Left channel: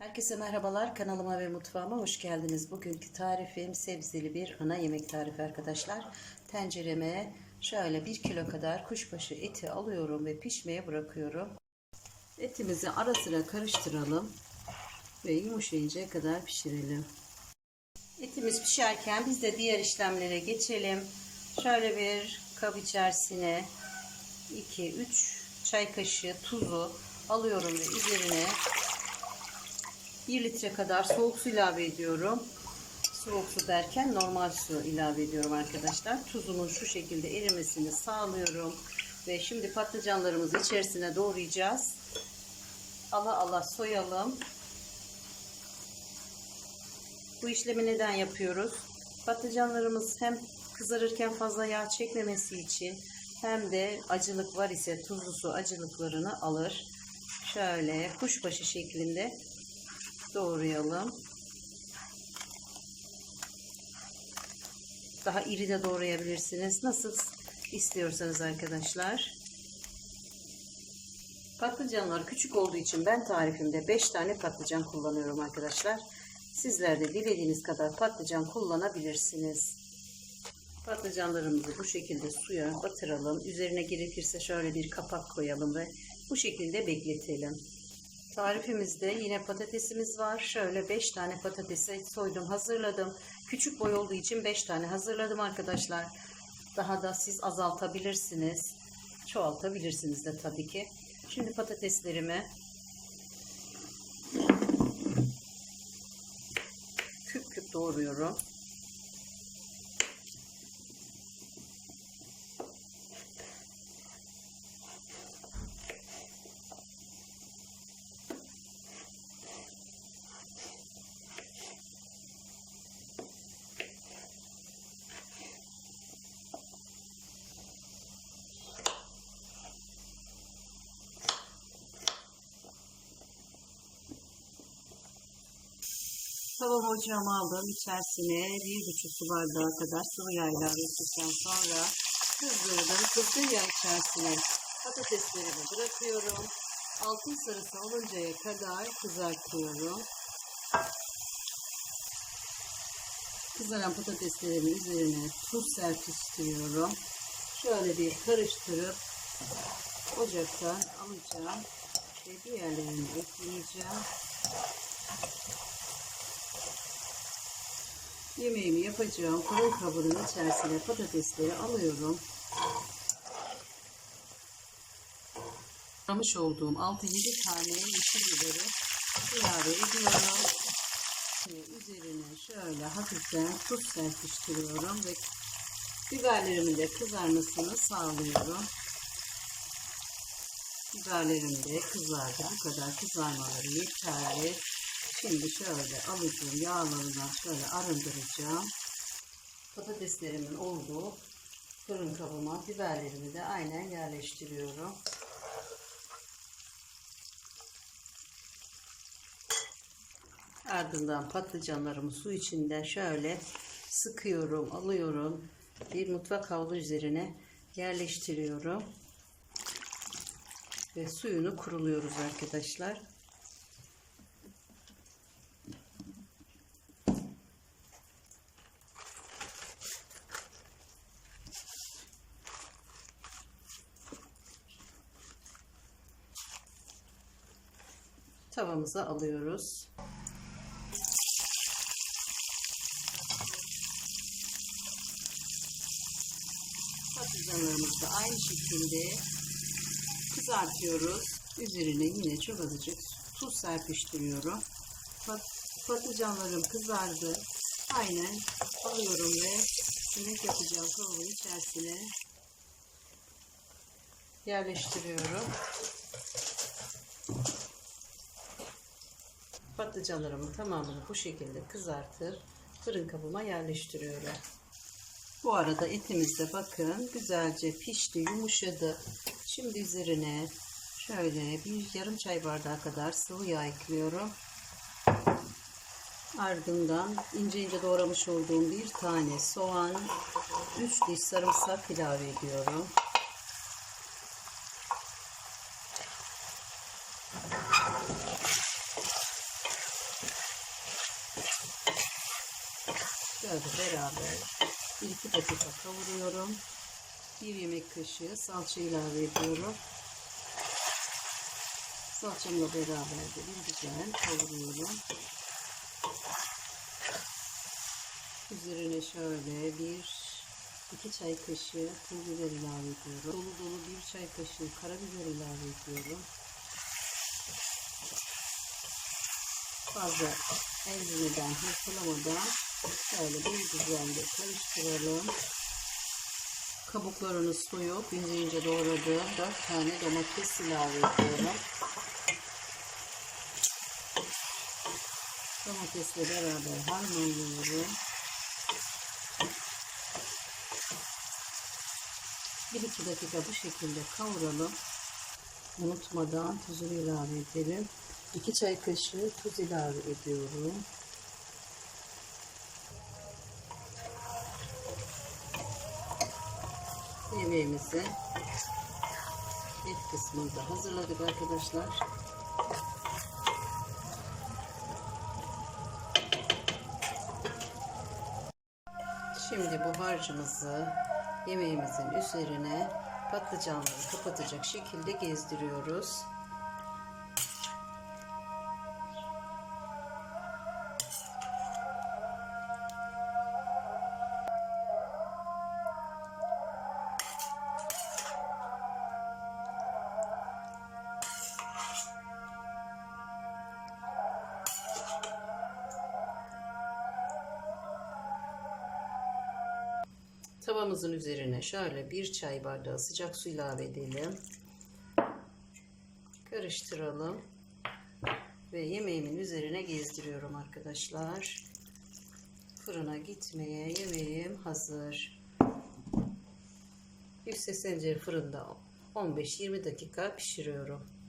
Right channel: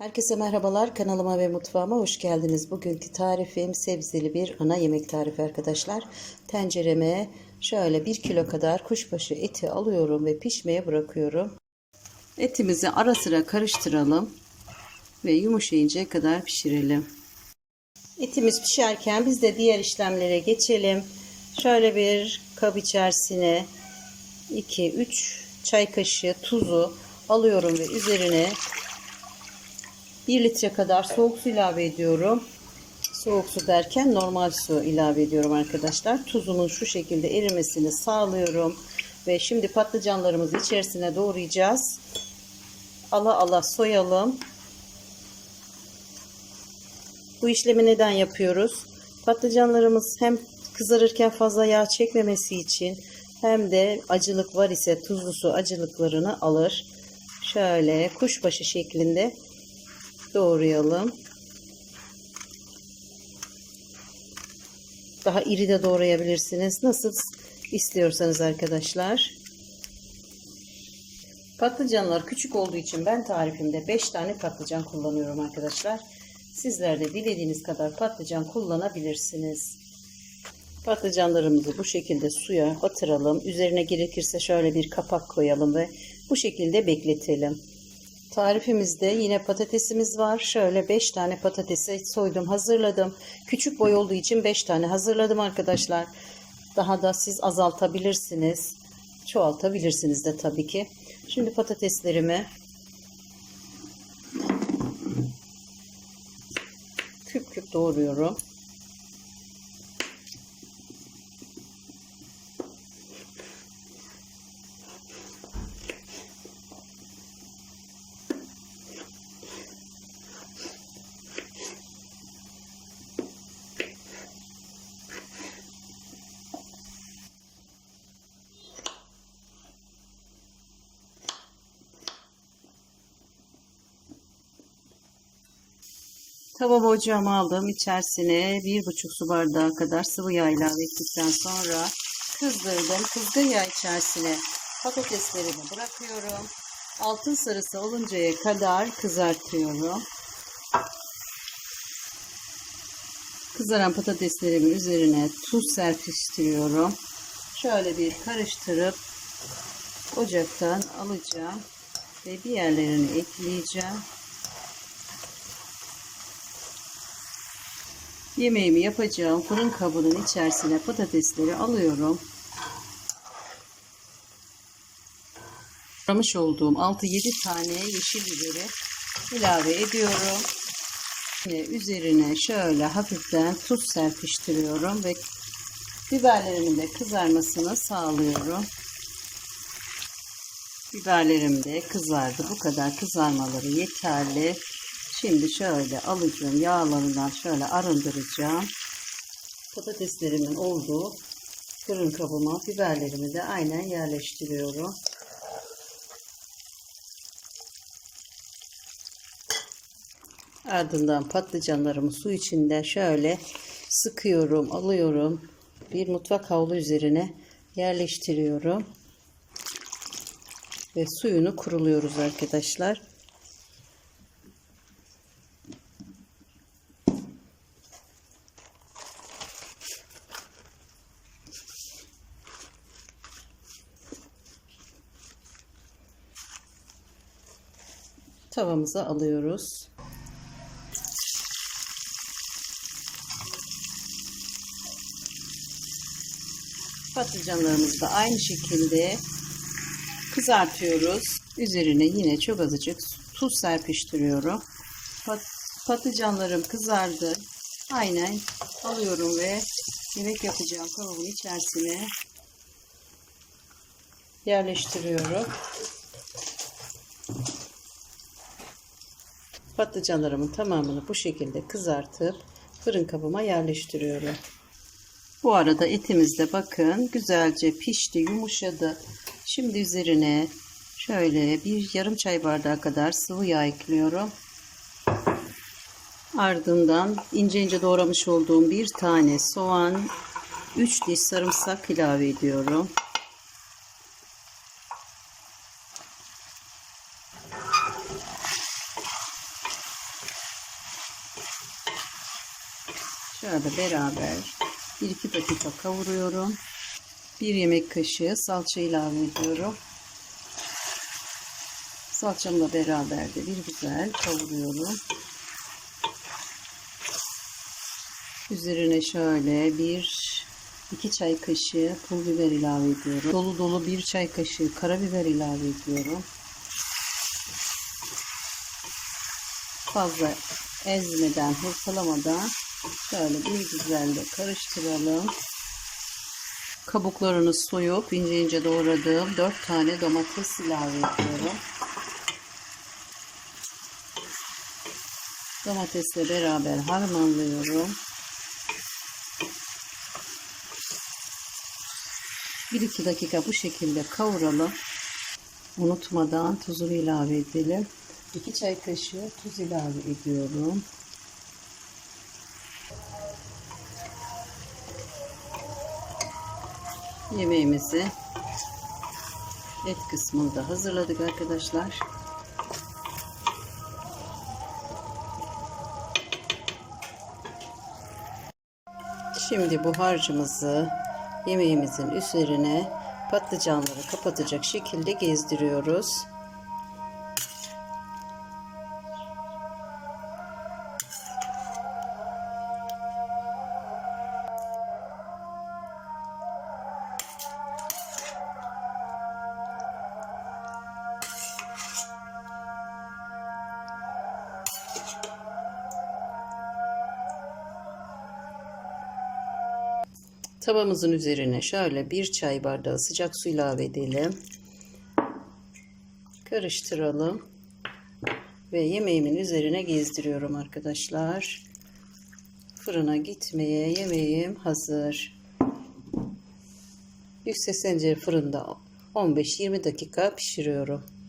Herkese merhabalar. Kanalıma ve mutfağıma hoş geldiniz. Bugünkü tarifim sebzeli bir ana yemek tarifi arkadaşlar. Tencereme şöyle 1 kilo kadar kuşbaşı eti alıyorum ve pişmeye bırakıyorum. Etimizi ara sıra karıştıralım ve yumuşayıncaya kadar pişirelim. Etimiz pişerken biz de diğer işlemlere geçelim. Şöyle bir kap içerisine 2-3 çay kaşığı tuzu alıyorum ve üzerine 1 litre kadar soğuk su ilave ediyorum. Soğuk su derken normal su ilave ediyorum arkadaşlar. Tuzunun şu şekilde erimesini sağlıyorum. Ve şimdi patlıcanlarımızı içerisine doğrayacağız. Ala ala soyalım. Bu işlemi neden yapıyoruz? Patlıcanlarımız hem kızarırken fazla yağ çekmemesi için hem de acılık var ise tuzlu su acılıklarını alır. Şöyle kuşbaşı şeklinde doğrayalım. Daha iri de doğrayabilirsiniz. Nasıl istiyorsanız arkadaşlar. Patlıcanlar küçük olduğu için ben tarifimde 5 tane patlıcan kullanıyorum arkadaşlar. Sizler de dilediğiniz kadar patlıcan kullanabilirsiniz. Patlıcanlarımızı bu şekilde suya batıralım. Üzerine gerekirse şöyle bir kapak koyalım ve bu şekilde bekletelim. Tarifimizde yine patatesimiz var. Şöyle 5 tane patatesi soydum, hazırladım. Küçük boy olduğu için 5 tane hazırladım arkadaşlar. Daha da siz azaltabilirsiniz. Çoğaltabilirsiniz de tabii ki. Şimdi patateslerimi küp küp doğruyorum. Tavamı ocağıma aldım. İçerisine bir buçuk su bardağı kadar sıvı yağ ilave ettikten sonra kızdırdım. Kızgın yağ içerisine patateslerimi bırakıyorum. Altın sarısı oluncaya kadar kızartıyorum. Kızaran patateslerimin üzerine tuz serpiştiriyorum. Şöyle bir karıştırıp ocaktan alacağım ve diğerlerini ekleyeceğim. Yemeğimi yapacağım fırın kabının içerisine patatesleri alıyorum. Aramış olduğum 6-7 tane yeşil biberi ilave ediyorum. Ve üzerine şöyle hafiften tuz serpiştiriyorum ve biberlerimin de kızarmasını sağlıyorum. Biberlerim de kızardı. Bu kadar kızarmaları yeterli. Şimdi şöyle alacağım yağlarından şöyle arındıracağım. Patateslerimin olduğu fırın kabıma biberlerimi de aynen yerleştiriyorum. Ardından patlıcanlarımı su içinde şöyle sıkıyorum, alıyorum. Bir mutfak havlu üzerine yerleştiriyorum. Ve suyunu kuruluyoruz arkadaşlar. Tavamıza alıyoruz. Patlıcanlarımızı da aynı şekilde kızartıyoruz. Üzerine yine çok azıcık tuz serpiştiriyorum. Pat patlıcanlarım kızardı. Aynen alıyorum ve yemek yapacağım kabımın içerisine yerleştiriyorum. Patlıcanlarımın tamamını bu şekilde kızartıp fırın kabıma yerleştiriyorum. Bu arada etimiz de bakın güzelce pişti, yumuşadı. Şimdi üzerine şöyle bir yarım çay bardağı kadar sıvı yağ ekliyorum. Ardından ince ince doğramış olduğum bir tane soğan, 3 diş sarımsak ilave ediyorum. Şöyle beraber 1-2 dakika kavuruyorum. 1 yemek kaşığı salça ilave ediyorum. Salçamla beraber de bir güzel kavuruyorum. Üzerine şöyle bir 2 çay kaşığı pul biber ilave ediyorum. Dolu dolu 1 çay kaşığı karabiber ilave ediyorum. Fazla ezmeden, hırpalamadan şöyle bir güzel de karıştıralım. Kabuklarını soyup ince ince doğradığım 4 tane domates ilave ediyorum. Domatesle beraber harmanlıyorum. 1-2 dakika bu şekilde kavuralım. Unutmadan tuzunu ilave edelim. 2 çay kaşığı tuz ilave ediyorum. Yemeğimizi et kısmını da hazırladık arkadaşlar. Şimdi bu harcımızı yemeğimizin üzerine patlıcanları kapatacak şekilde gezdiriyoruz. Tavamızın üzerine şöyle bir çay bardağı sıcak su ilave edelim. Karıştıralım. Ve yemeğimin üzerine gezdiriyorum arkadaşlar. Fırına gitmeye yemeğim hazır. Yüksek tencere fırında 15-20 dakika pişiriyorum.